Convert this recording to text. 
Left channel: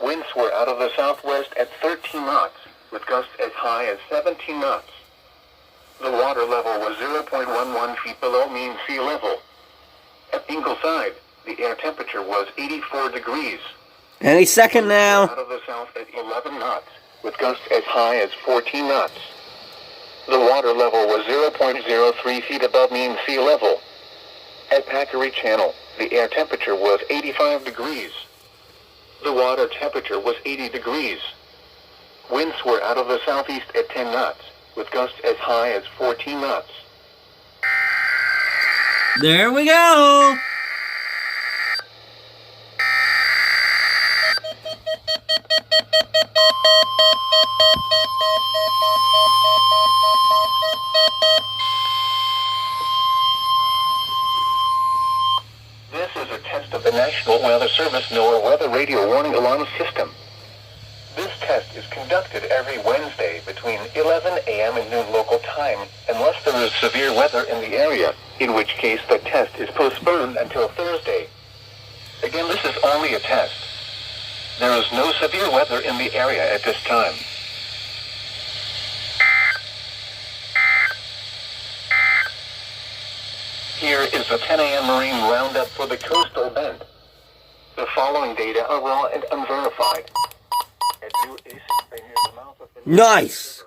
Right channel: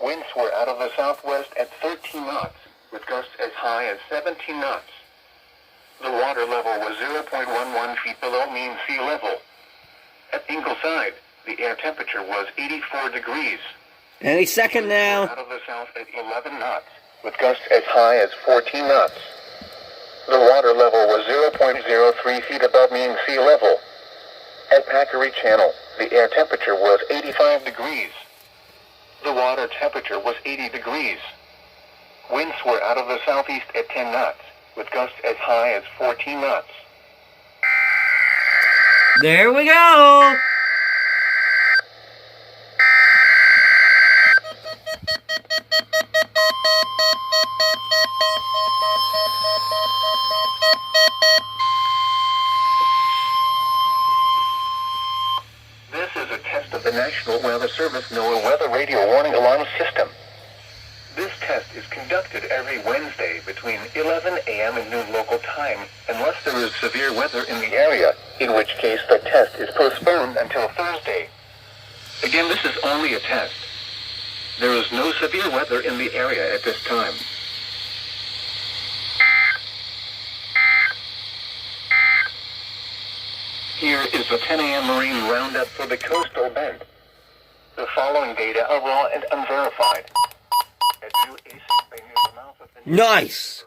Winds were out of the southwest at 13 knots, with gusts as high as 17 knots. The water level was 0.11 feet below mean sea level. At Ingleside, the air temperature was 84 degrees. Any second now. Out of the south at 11 knots, with gusts as high as 14 knots. The water level was 0.03 feet above mean sea level. At Packery Channel, the air temperature was 85 degrees. The water temperature was 80 degrees. Winds were out of the southeast at 10 knots, with gusts as high as 14 knots. There we go. This is a test of the National Weather Service NOAA Weather Radio Warning Alarm System. This test is conducted every Wednesday between 11 a.m. and noon local time, unless there is severe weather in the area, in which case the test is postponed until Thursday. Again, this is only a test. There is no severe weather in the area at this time. Here is the 10 a.m. Marine Roundup for the coastal bend. The following data are raw and unverified. Nice.